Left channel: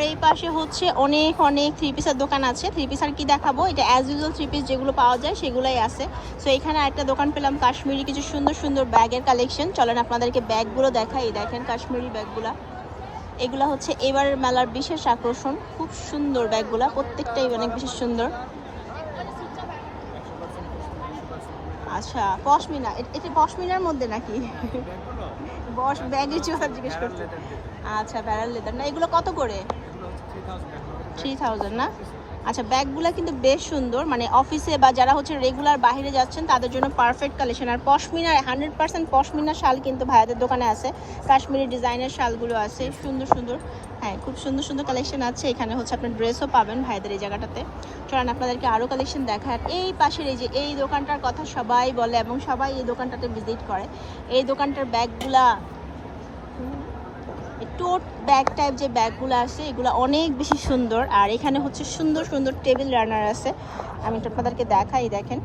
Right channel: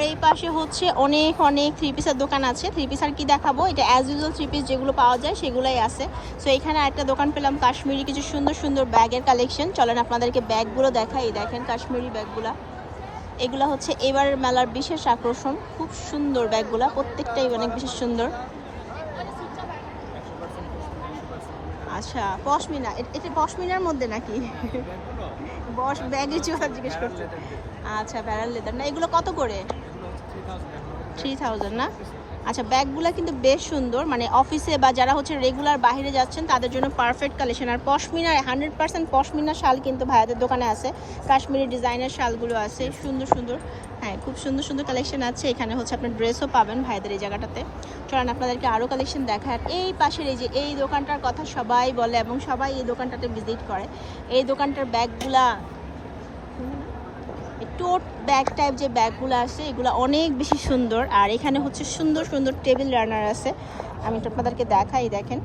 আর এই পাশে হচ্ছে অনেক অনেক থ্রি পিসের দোকান আছে। থ্রি পিস আর কি দেখাবো? এটা অ্যাজ ইউজুয়াল থ্রি পিস যেগুলো পাওয়া যায় সেগুলোই আছে। সো এখানে একটা দোকান পেলাম, কাশ্মীরি কিছু সুন্দর সুন্দর ব্যাগের কালেকশন চলেন আপনাদেরকে ব্যাগগুলো দেখাই। দেখেন কাশ্মীরি ব্যাগগুলা। এগুলা হচ্ছে এবার মেলার বিশেষ আকর্ষণ। খুব সুন্দর ব্যাগগুলা, প্রত্যেকটাই অনেক বেশি সুন্দর। আচ্ছা পশমিনা এটা পশমিনার মধ্যে নাকি? বস ব্যাগে চোখা জিজ্ঞেস করছে। আচ্ছা ব্যারাল লেদার না এগুলো কত করে? থ্রি থাউজেন্ড না? আচ্ছা ব্যাগগুলো কিন্তু বেশ সুন্দর। মানে অফিসে বা যারা হচ্ছে রেগুলার বাইরে যাচ্ছেন, তাদের জন্য পারফেক্ট কালেকশন আর পশমিনার হান্ড্রেড পার্সেন্ট পশমিনার শাল কিন্তু ভাইয়াদের দোকানে আছে। কাশ্মীরি ডিজাইনের শালগুলো আছে। সুন্দর সুন্দর। হ্যাঁ খুব সুন্দর সুন্দর কালেকশন আছে। এখানে হচ্ছে আপনার ড্রেসও পাবেন ভাইদের এই জায়গাটাতে। চলেন আপনাদেরকে আরও কালেকশন দেখা আর এই পাশের এই যে, এই দোকানটার কথা সবাই বলে এবং সবাই এই দোকানটাতে ভিজিট করে। এই দোকানটার ব্যাগগুলা। টোট ব্যাগ টাইপ যে ব্যাগগুলো আছে, এগুলো অনেক বেশি সুন্দর। আর এখানে হচ্ছে সুন্দর সুন্দর টেবিল রানার আছে। আমি একটু আপনাদেরকে দেখাই, দেখেন।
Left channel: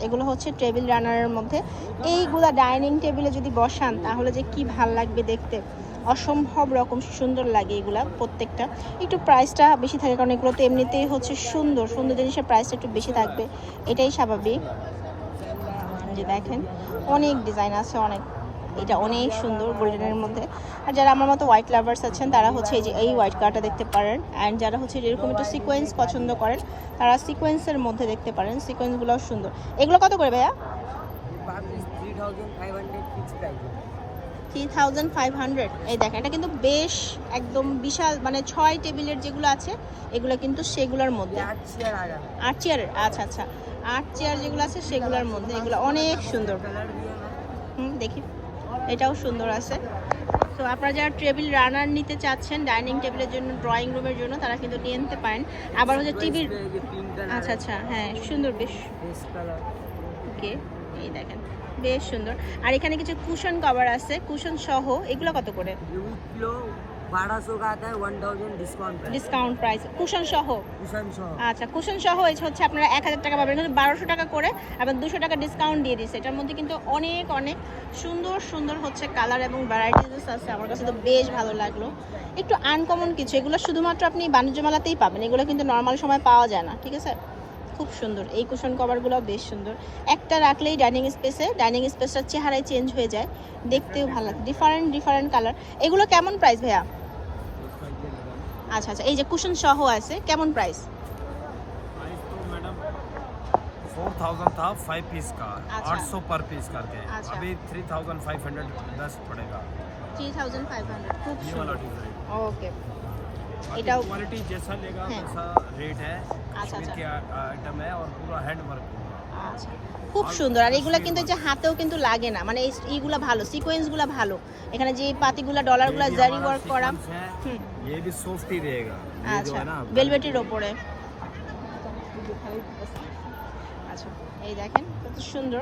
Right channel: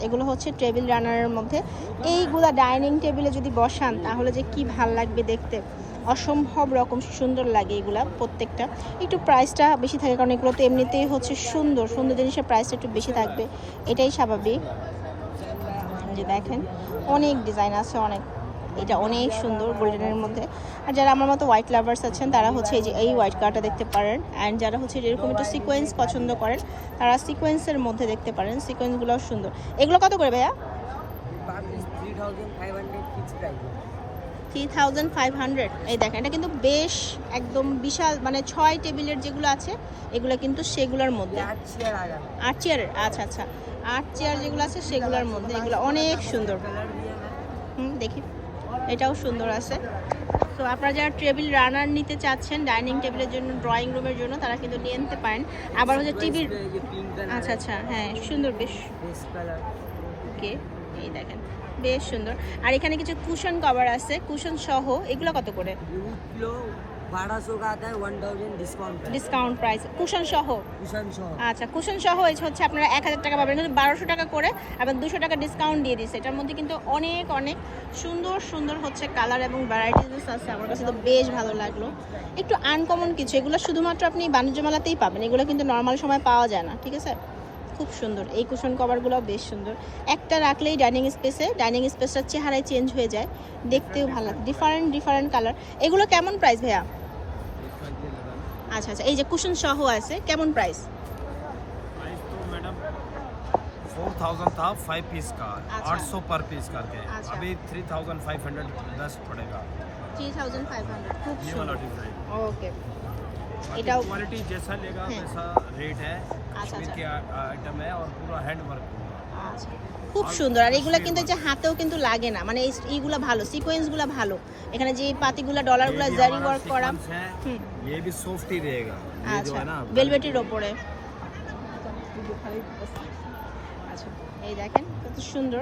এগুলো হচ্ছে টেবিল রানারের মধ্যে। এইগুলা ডাইনিং টেবিলে যদি বসান, তাহলে যে কি ভালো লাগবে দেখতে। অসম্ভব রকম সুন্দর লাগে এগুলা প্রত্যেকটা। একটু প্রাইসটা বেশি থাকে, কারণ এগুলো তো এমনিতেই হচ্ছে সুন্দর। সুন্দর জিনিসের প্রাইসটা একটু বেশি থাকবে। এটাই স্বাভাবিক। দেখেন, অনেক ডিজাইন আছে, অনেক। এটা অনেক সুন্দর গোল্ডেনের মধ্যে। আর যারা আমার মতো হোয়াইট লাভার্স আছেন তারা হচ্ছে এই যে এই হোয়াইট কালারটা দেখতে পারেন। অ্যান্ড যারা হচ্ছে এরকম একটু সিকোয়েন্স পছন্দ করেন তারা সিকোয়েন্সের মধ্যে দেখতে পারেন। সিকোয়েন্সগুলোও সুন্দর। এগুলো কত করে ভাইয়া? থ্রি থাউজেন্ড ফাইভ হান্ড্রেড এই দেখেন এটা কিন্তু বেশ একদম বিশাল মানে ছয় টেবিলের যেগুলো আছে এগুলো কিন্তু সেগুলোর মধ্যে। আট চেয়ার আট চেয়ারের আচ্ছা আচ্ছা। আট চেয়ার যেগুলো আছে সেগুলোর মধ্যে এগুলো অনেক সুন্দর। হুম দেখি। এটাও সুন্দর আছে। তো আপনারা যারা টেবিল রানার নিতে চাচ্ছেন ডাইনিং টেবিলের জন্য ড্রয়িং রুমের জন্য তারা কিন্তু নিয়ে নিতে পারেন। আবার হচ্ছে টিভি আচ্ছা আচ্ছা হ্যাঁ সুন্দর বেশ। ওকে এই দেখেন বেশ সুন্দর। আর এখানে কিছু কুশন কভার আছে। কুশন সহ এগুলো কত করে? ডিসকাউন্ট প্রাইস কুশন আচ্ছা হচ্ছে আপনারা এক হাজার টাকা পাবেন। বারোশো টাকা করে আবার দুশো টাকা ডিসকাউন্ট দিয়ে দিচ্ছে। এটার মধ্যে কিন্তু অনেক অনেক সুন্দর সুন্দর হচ্ছে কালার এবং ভ্যারাইটিস আছে। আমার কাছে তো বেশ ভালো লাগল। একটু আনকমন কিছু এগুলো শুধুমাত্র আপনি বাণিজ্য মেলাতেই পাবেন। এগুলো কিন্তু নর্মাল সময় পাওয়া যায় না ঠিক আছে? খুব সুন্দর এই কুশন কভারগুলো বেশ সুন্দর একটা রাখলেই ডাইনিং স্পেসে ডাইনিং স্পেসটার চেহারায় চেঞ্জ হয়ে যায় দেখতেও ভালো লাগে ডিফারেন্ট ডিফারেন্ট কালার এগুলো কেমন প্রাইস ভাইয়া আচ্ছা আচ্ছা এই যে কুশন সহ আছে কেমন প্রাইস प्राइस तो मैडम फोर थाउजेंड था फाइव पीस का अच्छा। आठ सौ पर पीस करके अच्छा। अभी three thousand five hundred best पड़ेगा থ্রি থাউজেন্ড ফাইভ হান্ড্রেড খুব এটাও क्वालिटी जैसा लेगा है। वैसा रेट है अच्छा, कश्मीर अच्छा। के आइटम है और पूरा हैंड वर्क আচ্ছা খুব সুন্দর আর এগুলা কিন্তু যে হাতেও কিন্তু লাগে না মানে এই- এইগুলা ভালো সিকোয়েন্সগুলো ভালো এখানে যে পাতিগুলা ডলারগুলা জারি ওয়ার্ক করা হুম ये भी सॉफ्ट ही रहेगा ये जो আচ্ছা है ना ভেলভেটের ওপরে আচ্ছা এই দেখেন কত সুন্দর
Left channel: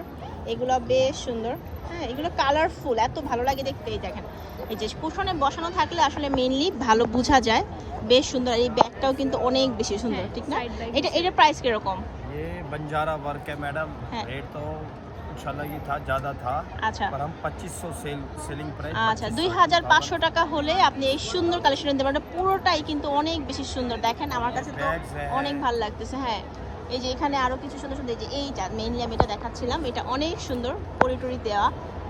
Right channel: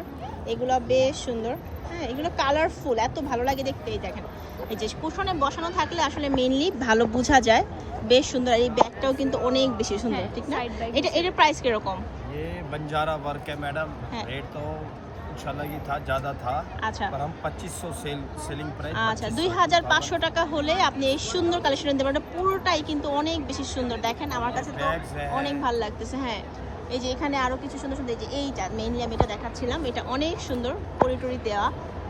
এগুলো বেশ সুন্দর হ্যাঁ এগুলো কালারফুল এত ভালো লাগে দেখতে এই দেখেন এই যে কুশনে বসানো থাকলে আসলে মেইনলি ভালো বোঝা যায় বেশ সুন্দর আর এই ব্যাগটাও কিন্তু অনেক বেশি সুন্দর ঠিক না এটা এটার প্রাইস কিরকম ये बंजारा वर्क है मैडम है। रेट तो कुछ अलग ही था ज्यादा था আচ্ছা पर हम 2500 सेल सेलिंग प्राइस আচ্ছা দুই হাজার পাঁচশো টাকা হলে আপনি এই সুন্দর কালেকশন নিতে পারেন পুরোটাই কিন্তু অনেক বেশি সুন্দর দেখেন আমার কাছে তো Bags है। অনেক ভালো লাগতেছে হ্যাঁ এই যে এখানে আরো কিছু সুন্দর সুন্দর এই যে এইটা মেইনলি আমি এটা দেখাচ্ছিলাম এটা অনেক সুন্দর পরিটরি দেওয়া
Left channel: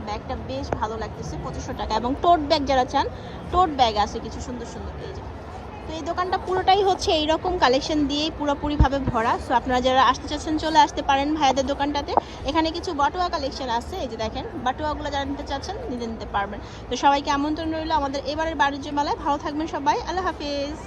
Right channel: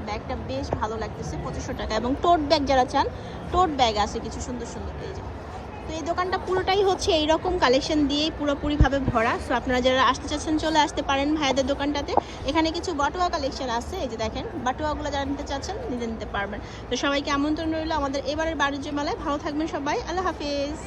ব্যাগটা বেশ ভালো লাগতেছে, পঁচিশশো টাকা। এবং টোট ব্যাগ যারা চান টোট ব্যাগ আছে কিছু সুন্দর সুন্দর। তো এই দোকানটা পুরোটাই হচ্ছে এইরকম কালেকশন দিয়েই পুরোপুরিভাবে ভরা। সো আপনারা যারা আসতে চাচ্ছেন, চলে আসতে পারেন ভাইয়াদের দোকানটাতে। এখানে কিছু বাটুয়া কালেকশন আছে, এই যে দেখেন, বাটুয়াগুলো যারা নিতে চাচ্ছেন নিতে নিতে পারবেন। তো সবাইকে আমন্ত্রণ রইল আমাদের এবারের বাণিজ্য মেলায়। ভালো থাকবেন সবাই, আল্লাহ হাফিজ।